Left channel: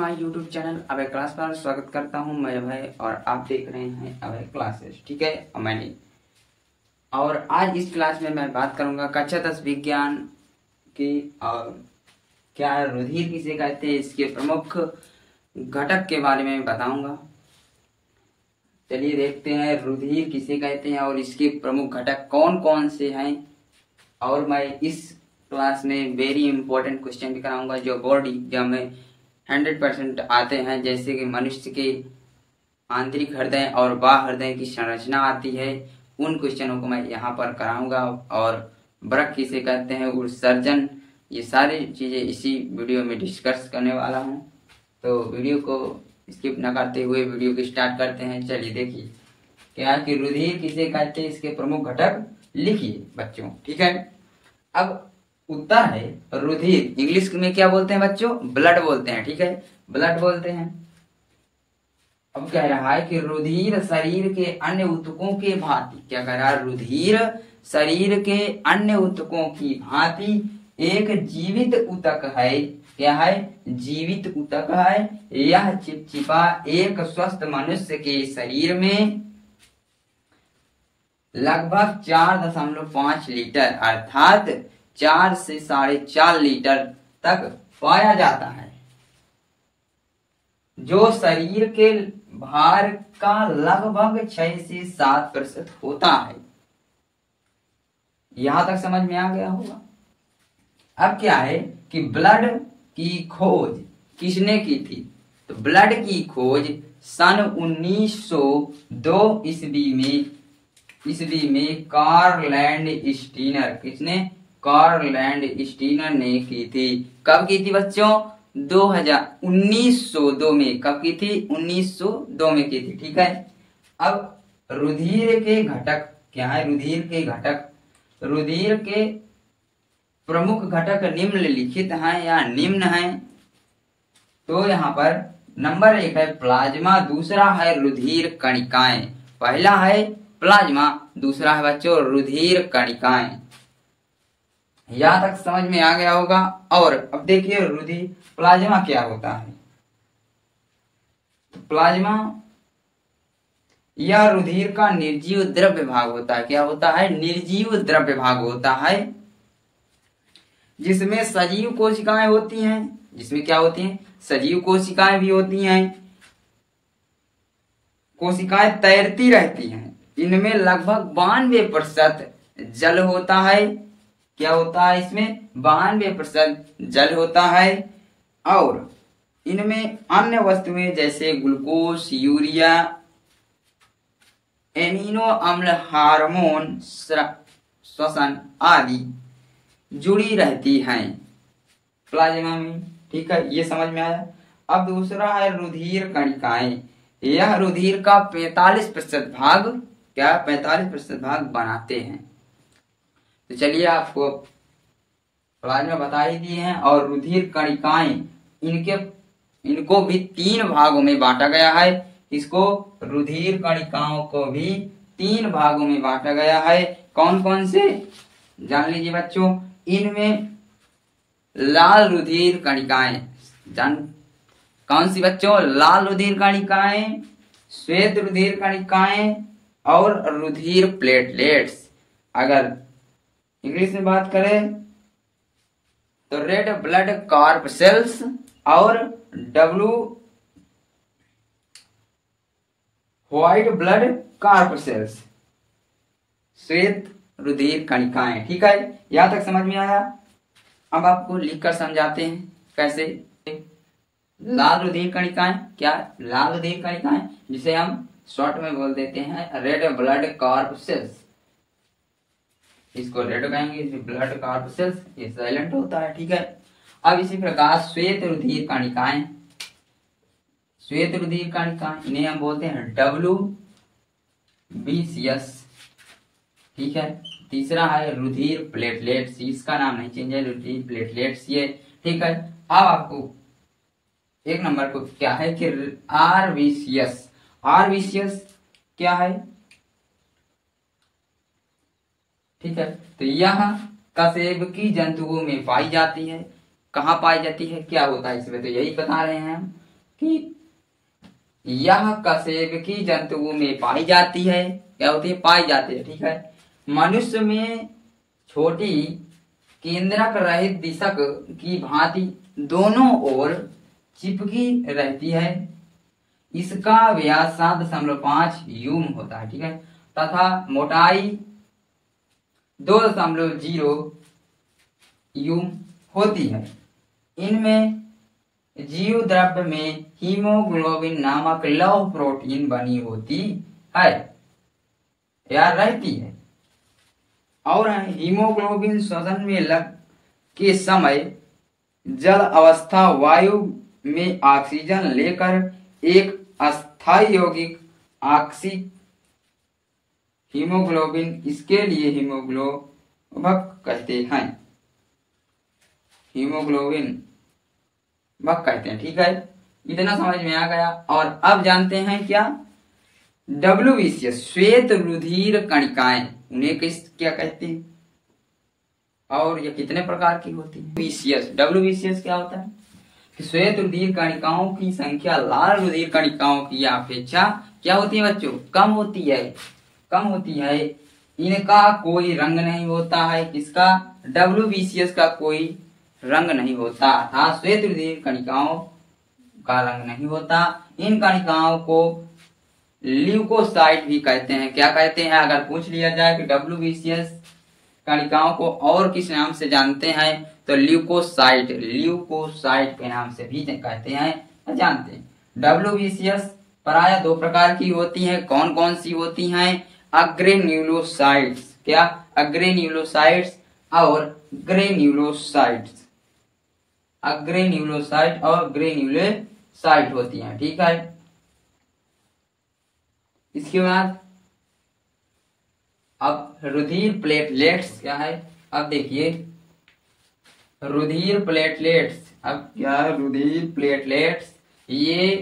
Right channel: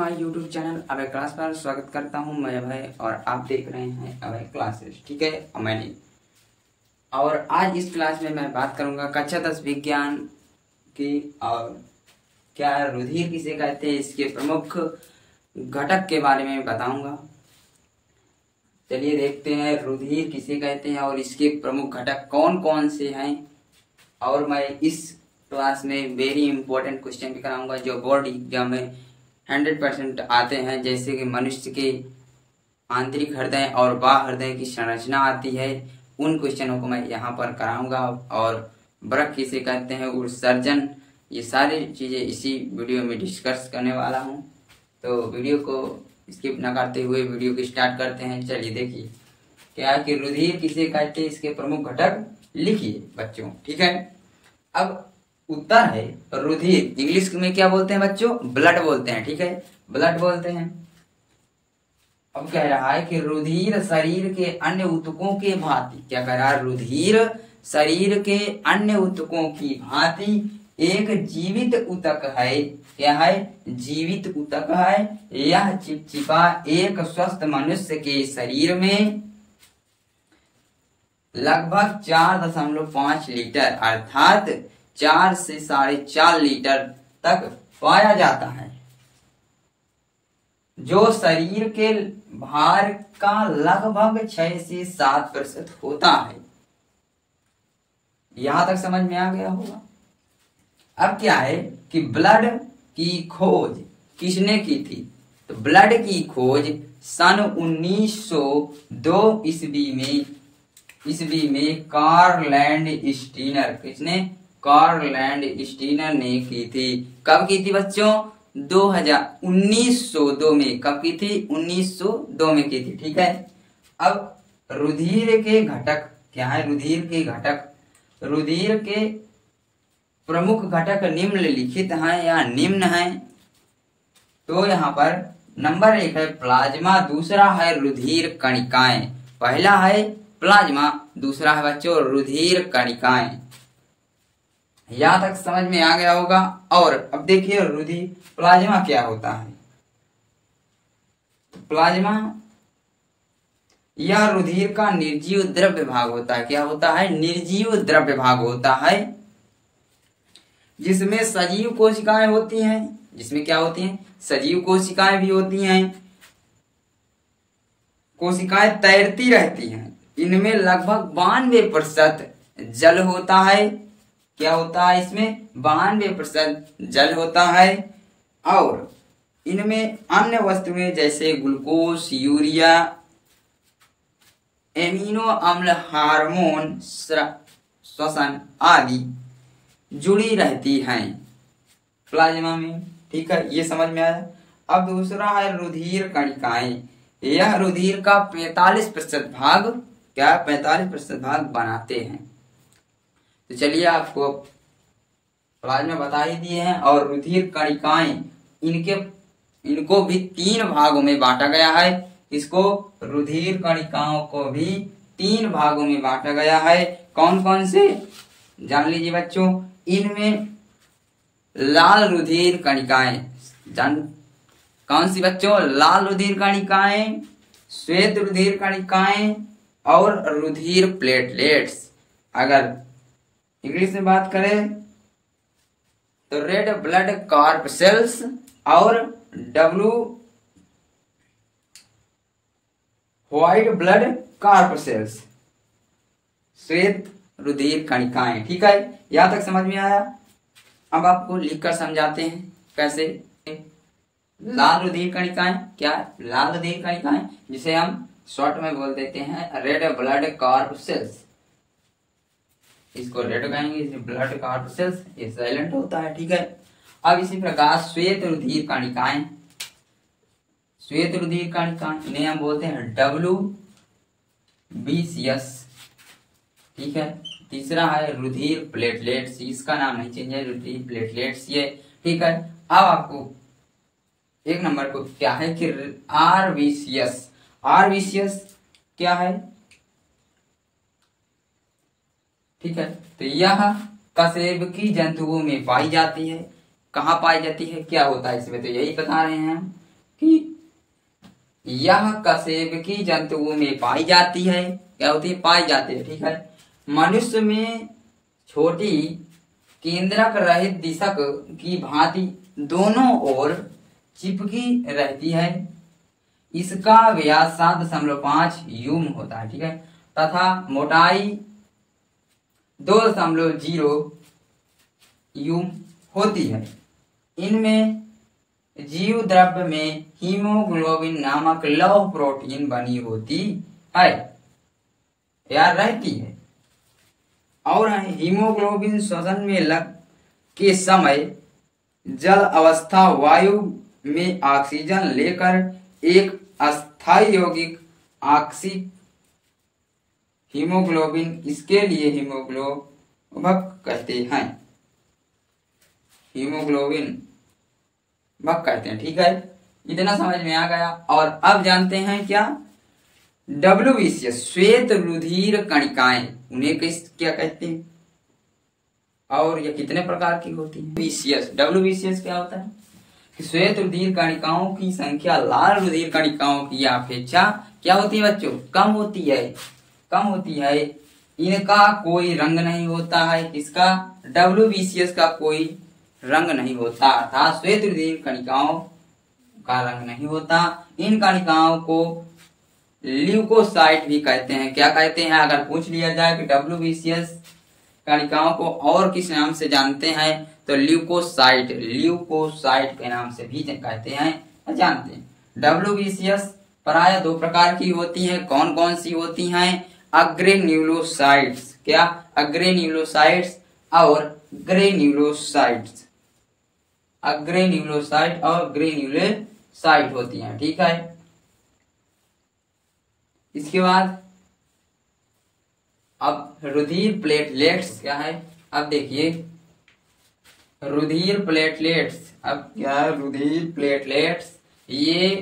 My YouTube channel Abhay class पर स्वागत करता हूं मैं अभय और आप देख रहे हैं अभय क्लासेस। ठीक है, मैंने और आज इस क्लास में मैं बात करूंगा कक्षा 10 विज्ञान की। और क्या रुधिर किसे कहते हैं, इसके प्रमुख घटक के बारे में बताऊंगा। चलिए देखते हैं रुधिर किसे कहते हैं और इसके प्रमुख घटक कौन कौन से हैं। और मैं इस क्लास में वेरी इंपॉर्टेंट क्वेश्चन भी कराऊंगा जो बोर्ड एग्जाम में 100% आते हैं, जैसे कि मनुष्य के आंतरिक हृदय और बाह्य हृदय की संरचना आती है, उन क्वेश्चनों को मैं यहाँ पर कराऊंगा। और वृक्क किसे कहते हैं, उत्सर्जन, ये सारी चीजें इसी वीडियो में डिस्कस करने वाला हूँ। तो वीडियो को स्किप न करते हुए वीडियो को स्टार्ट करते हैं। चलिए देखिए क्या कि रुधिर किसे कहते हैं, इसके प्रमुख घटक लिखिए बच्चों। ठीक है, अब उत्तर है रुधिर। इंग्लिश में क्या बोलते हैं बच्चों, ब्लड बोलते हैं। ठीक है, ब्लड बोलते हैं। अब कह रहा है कि रुधिर शरीर के अन्य ऊतकों के भांति, क्या कह रहा है, रुधिर शरीर के अन्य ऊतकों की भांति एक जीवित ऊतक है। क्या है, जीवित ऊतक है। यह चिपचिपा एक स्वस्थ मनुष्य के शरीर में लगभग 4.5 लीटर अर्थात 4 से 4.5 लीटर तक पाया जाता है, जो शरीर के भार का लगभग 6 से 7% होता है। यहां तक समझ में आ गया होगा। अब क्या है कि ब्लड की खोज किसने की थी, तो ब्लड की खोज सन 1902 ईस्वी में कार्लैंड स्टीनर, किसने, कार्लैंड स्टीनर ने की थी। कब की थी बच्चों, 1902 में। कब की थी, 1902 में की थी। ठीक है, अब रुधिर के घटक क्या है, रुधिर के घटक, रुधिर के प्रमुख घटक निम्नलिखित हैं या निम्न हैं। तो यहाँ पर नंबर 1 है प्लाज्मा, दूसरा है रुधिर कणिकाएं। पहला है प्लाज्मा, दूसरा है बच्चों रुधिर कणिकाएं। यहां तक समझ में आ गया होगा। और अब देखिए रुधिर, प्लाज्मा क्या होता है। प्लाज्मा यह रुधिर का निर्जीव द्रव्य भाग होता है। क्या होता है, निर्जीव द्रव्य भाग होता है, जिसमें सजीव कोशिकाएं होती हैं। जिसमें क्या होती हैं, सजीव कोशिकाएं भी होती हैं। कोशिकाएं तैरती रहती हैं। इनमें लगभग 92% जल होता है। क्या होता है, इसमें 92% जल होता है। और इनमें अन्य वस्तुएं जैसे ग्लूकोज, यूरिया, एमिनो अम्ल, हार्मोन, श्वसन आदि जुड़ी रहती हैं प्लाज्मा में। ठीक है, ये समझ में आया। अब दूसरा है रुधिर कणिकाएं। यह रुधिर का 45% भाग, क्या 45% भाग बनाते हैं। तो चलिए आपको प्लाज्मा बता ही दिए हैं। और रुधिर कणिकाएं, इनको भी 3 भागों में बांटा गया है। इसको रुधिर कणिकाओं को भी 3 भागों में बांटा गया है। कौन कौन से जान लीजिए बच्चों। इनमें लाल रुधिर कणिकाएं, कौन सी बच्चों, लाल रुधिर कणिकाएं, श्वेत रुधिर कणिकाएं और रुधिर प्लेटलेट्स। अगर इंग्लिश में बात करें तो रेड ब्लड कॉर्पसेल्स और व्हाइट ब्लड कॉर्पसेल्स, श्वेत रुधिर कणिकाएं। ठीक है, यहां तक समझ में आया। अब आपको लिखकर समझाते हैं कैसे। लाल रुधिर कणिकाएं, क्या लाल रुधिर कणिकाएं, जिसे हम शॉर्ट में बोल देते हैं रेड ब्लड कॉर्पसेल्स। इसको रेड कहेंगे, ब्लड कॉर्पसेल्स, ये साइलेंट होता है। ठीक है, अब इसी प्रकार श्वेत रुधिर कणिकाएं, श्वेत रुधिर कणिकाएं, इन्हें हम बोलते हैं WBCS। ठीक है, तीसरा है रुधिर प्लेटलेट्स, इसका नाम नहीं चेंज है, रुधिर प्लेटलेट्स ये। ठीक है, अब आपको 1 नंबर को क्या है कि RBCS। RBCS क्या है, ठीक है, तो यह कशेरुकी जंतुओं में पाई जाती है। कहाँ पाई जाती है, क्या होता है इसमें, तो यही बता रहे हैं। कि यह कशेरुकी जंतुओं में पाई जाती है। क्या होती है? पाई जाती है। ठीक है। मनुष्य में छोटी केंद्रक रहित दिशक की भांति दोनों ओर चिपकी रहती है। इसका व्यास 7.5 यूम होता है। ठीक है। तथा मोटाई 2.0 यूम होती है। इनमें जीव द्रव्य में हीमोग्लोबिन नामक लौह प्रोटीन बनी होती है या रहती है। और हीमोग्लोबिन श्वसन में लग के समय जल अवस्था वायु में ऑक्सीजन लेकर एक अस्थायी यौगिक ऑक्सी हीमोग्लोबिन, इसके लिए हीमोग्लोबक कहते हैं। हीमोग्लोबिन बक कहते हैं। ठीक है। इतना समझ में आ गया। और अब जानते हैं क्या? WBCS श्वेत रुधिर कणिकाएं, उन्हें क्या कहते हैं और ये कितने प्रकार की होती है? WBCS क्या होता है? श्वेत रुधिर कणिकाओं की संख्या लाल रुधिर कणिकाओं की अपेक्षा क्या होती है बच्चों? कम होती है। कम होती है। इनका कोई रंग नहीं होता है। किसका? WBCS का कोई रंग नहीं होता, अर्थात श्वेत रुधिर कणिकाओं का रंग नहीं होता। इन कणिकाओं को ल्यूकोसाइट भी कहते हैं। क्या कहते हैं? अगर पूछ लिया जाए कि WBCS कणिकाओं को और किस नाम से जानते हैं तो ल्यूकोसाइट के नाम से भी कहते हैं, जानते हैं। WBCS प्राय 2 प्रकार की होती हैं। कौन कौन सी होती हैं? अग्रेन्यूलोसाइट्स। क्या? अग्रेन्यूलोसाइट्स और ग्रेन्यूलोसाइट्स। अग्रेन्यूलोसाइट और ग्रेन्यूलोसाइट होती हैं। ठीक है। इसके बाद अब रुधिर प्लेटलेट्स क्या है? अब देखिए रुधिर प्लेटलेट्स। अब क्या है? रुधिर प्लेटलेट्स ये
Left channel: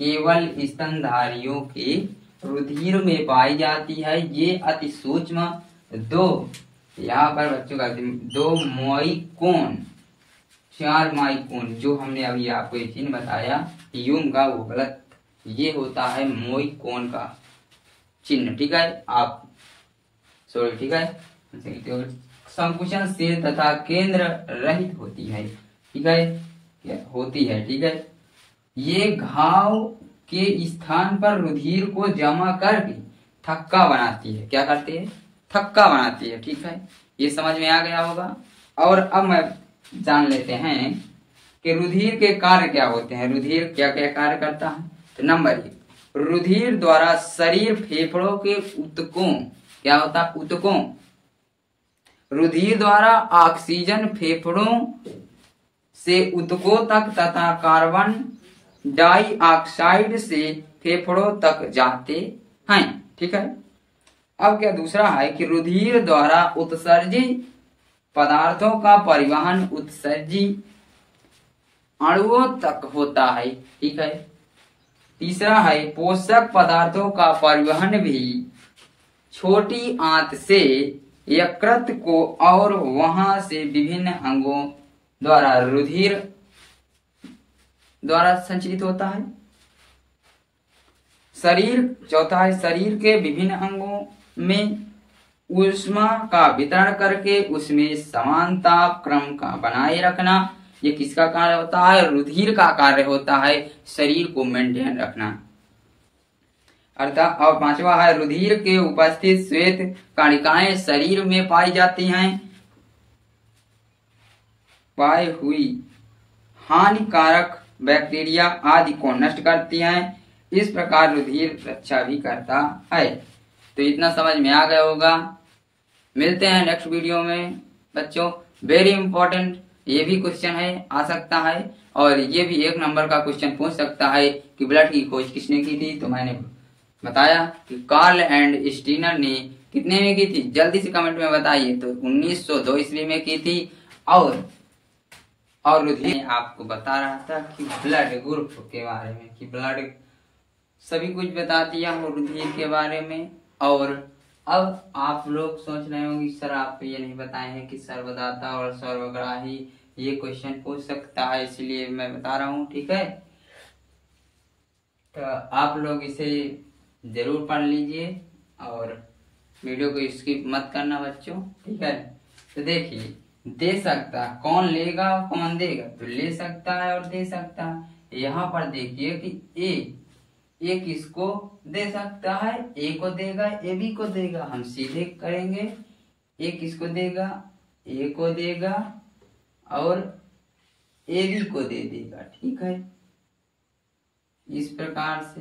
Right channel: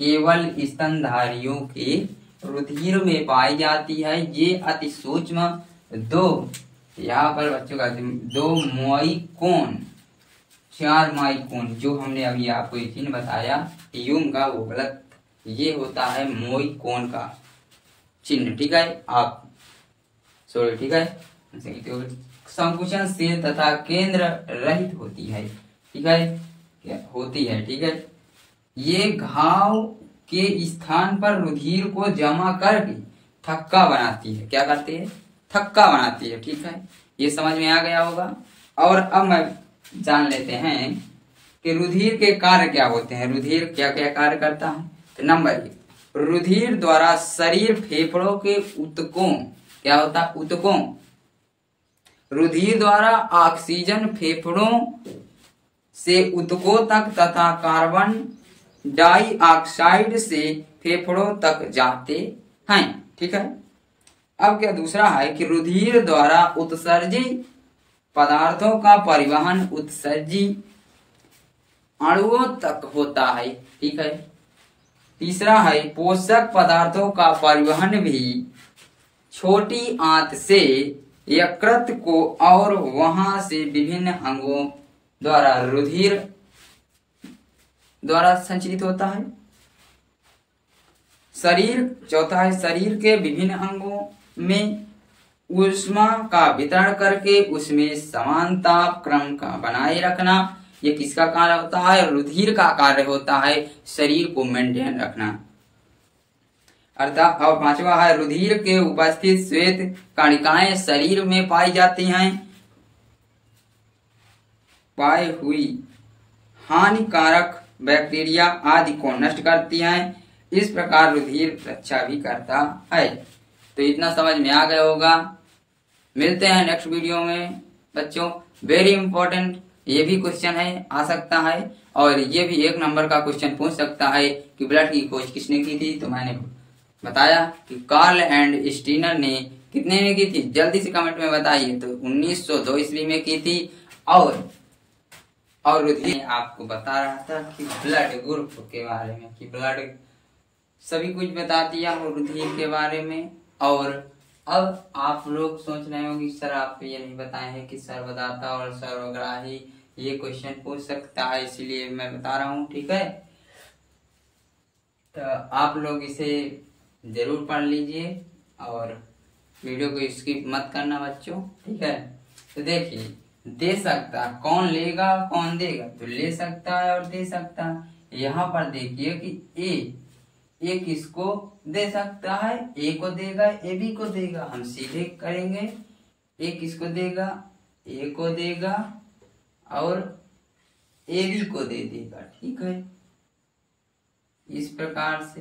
केवल स्तनधारियों के रुधिर में पाई जाती है। ये अति सूक्ष्म 2, यहाँ पर बच्चों का 2 माइक्रोन 4 माइक्रोन, जो हमने अभी आपको एक चिन्ह बताया यूम का, वो गलत। ये होता है मोइकोन का चिन्ह। ठीक है। आप सॉरी। ठीक है। संकुचनशील तथा केंद्र रहित होती है। ठीक है। क्या होती है? ठीक है। ये घाव के स्थान पर रुधिर को जमा करके थक्का बनाती है। क्या करती है? थक्का बनाती है। ठीक है। ये समझ में आ गया होगा। और अब मैं जान लेते हैं कि रुधिर के कार्य क्या होते हैं। रुधिर क्या क्या कार्य करता है? तो नंबर 1, रुधिर द्वारा शरीर फेफड़ों के ऊतकों, क्या होता है? ऊतकों। रुधिर द्वारा ऑक्सीजन फेफड़ों से ऊतकों तक तथा कार्बन डाइऑक्साइड से फेफड़ों तक जाते हैं। ठीक है। अब क्या दूसरा है कि रुधिर द्वारा उत्सर्जी पदार्थों का परिवहन उत्सर्जी अणुओं तक होता है। ठीक है। तीसरा है पोषक पदार्थों का परिवहन भी छोटी आंत से यकृत को और वहां से विभिन्न अंगों द्वारा रुधिर द्वारा संचरित होता है। चौथा है शरीर के विभिन्न अंगों में ऊष्मा का वितरण करके उसमें समानता क्रम का बनाए रखना। ये किसका कार्य होता है? रुधिर का कार्य होता है, शरीर को मेंटेन रखना। अर्थात और 5वां है रुधिर के उपस्थित श्वेत कणिकाएं शरीर में पाई जाती हैं। पाई हुई हानिकारक बैक्टीरिया आदि को नष्ट करती हैं। इस प्रकार रुधिर रक्षा भी करता है। तो इतना समझ में आ गया होगा। मिलते हैं नेक्स्ट वीडियो में बच्चों। वेरी इंपॉर्टेंट ये भी क्वेश्चन है, आ सकता है, और ये भी 1 नंबर का क्वेश्चन पूछ सकता है कि ब्लड की खोज किसने की थी। तो मैंने बताया कि कार्ल एंड स्टीनर ने कितने में की थी, जल्दी से कमेंट में बताइए। तो 1902 ईस्वी में की थी। और रुधिर आपको बता रहा था कि ब्लड ग्रुप के बारे में, कि ब्लड सभी कुछ बता दिया हो रुधिर के बारे में। और अब आप लोग सोच रहे होंगे सर आप ये नहीं बताए हैं कि सर्वदाता और सर्वग्राही ये क्वेश्चन पूछ सकता है, इसलिए मैं बता रहा हूँ। ठीक है। तो आप लोग इसे जरूर पढ़ लीजिए और वीडियो को स्किप मत करना बच्चों, ठीक है। तो देखिए, दे सकता, कौन लेगा कौन देगा, तो ले सकता है और दे सकता है। यहाँ पर देखिए कि ए किसको दे सकता है, ए को देगा, ए बी को देगा। हम सीधे करेंगे, ए किसको देगा, ए को देगा और ए बी को दे देगा, ठीक है। इस प्रकार से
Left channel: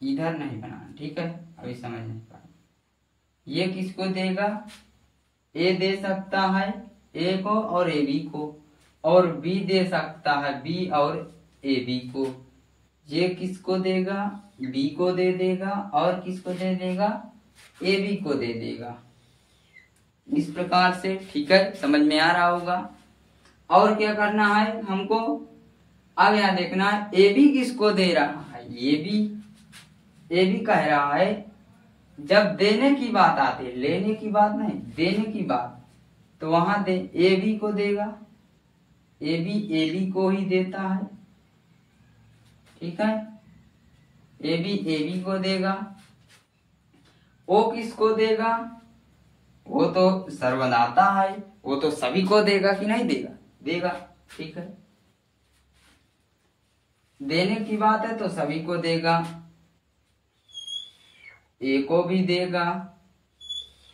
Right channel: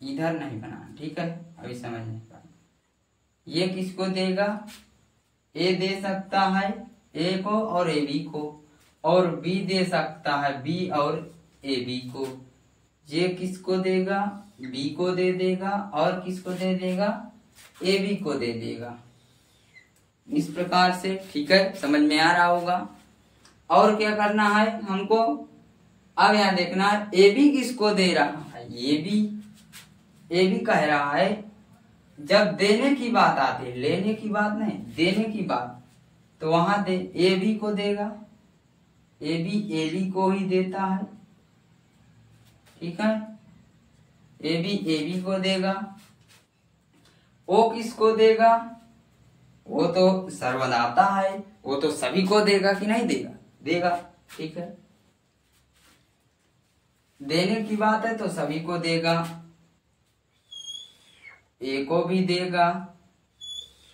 इधर नहीं बनाना, ठीक है, अभी समझ नहीं पाए। ये किसको देगा, ए दे सकता है ए को और ए बी को, और बी दे सकता है बी और ए बी को। ये किसको देगा, बी को दे देगा और किसको दे देगा, ए बी को दे देगा। इस प्रकार से, ठीक है, समझ में आ रहा होगा। और क्या करना है हमको, अब यहाँ देखना है ए बी किसको दे रहा है, ए बी कह रहा है। जब देने की बात आती है, लेने की बात नहीं, देने की बात, तो वहां दे ए बी को देगा, ए बी को ही देता है, ठीक है। ए बी को देगा। ओ किसको देगा, वो तो सर्वदाता है, वो तो सभी को देगा कि नहीं देगा, देगा, ठीक है। देने की बात है तो सभी को देगा, ए को भी देगा,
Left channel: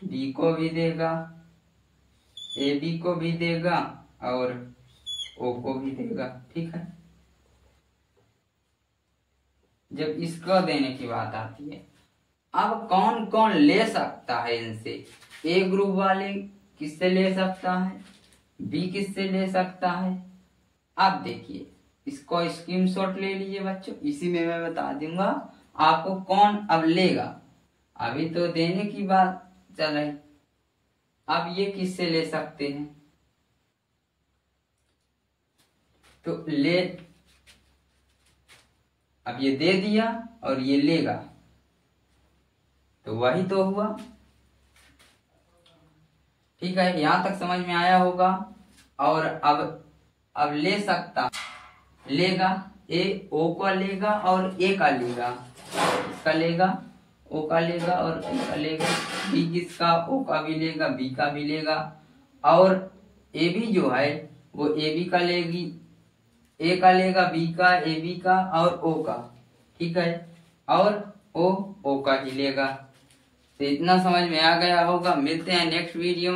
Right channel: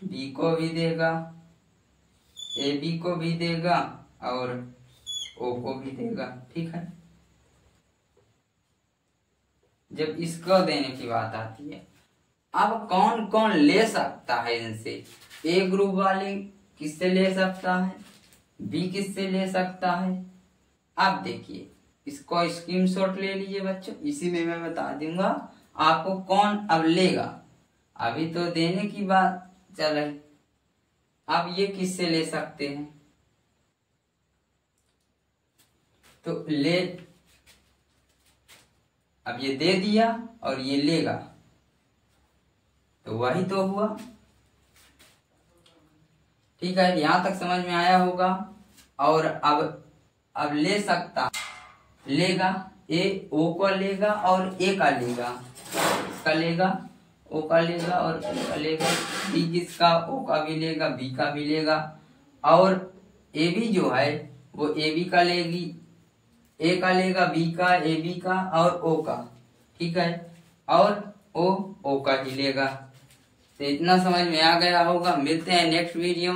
बी को भी देगा, ए बी को भी देगा और ओ को भी देगा, ठीक है। जब इसको देने की बात आती है, अब कौन कौन ले सकता है इनसे, ए ग्रुप वाले किससे ले सकता है, बी किससे ले सकता है। अब देखिए, इसको स्क्रीनशॉट ले लीजिए बच्चों, इसी में मैं बता दूंगा आपको कौन अब लेगा। अभी तो देने की बात चल रही, अब ये किससे ले सकते हैं, तो ले, अब ये दे दिया और ये लेगा, तो वही तो हुआ, ठीक है। यहां तक समझ में आया होगा। और अब ले सकता, लेगा, ए ओ का लेगा और ए का लेगा, इसका लेगा, ओ का लेगा और ए का लेगा, बी किसका, ओ का भी लेगा, बी का भी लेगा, और ए बी जो है वो ए बी का लेगी, ए का लेगा, बी का, ए बी का और ओ का, ठीक है, और ओ का ही लेगा। तो इतना समझ में आ गया होगा। मिलते हैं नेक्स्ट वीडियो में।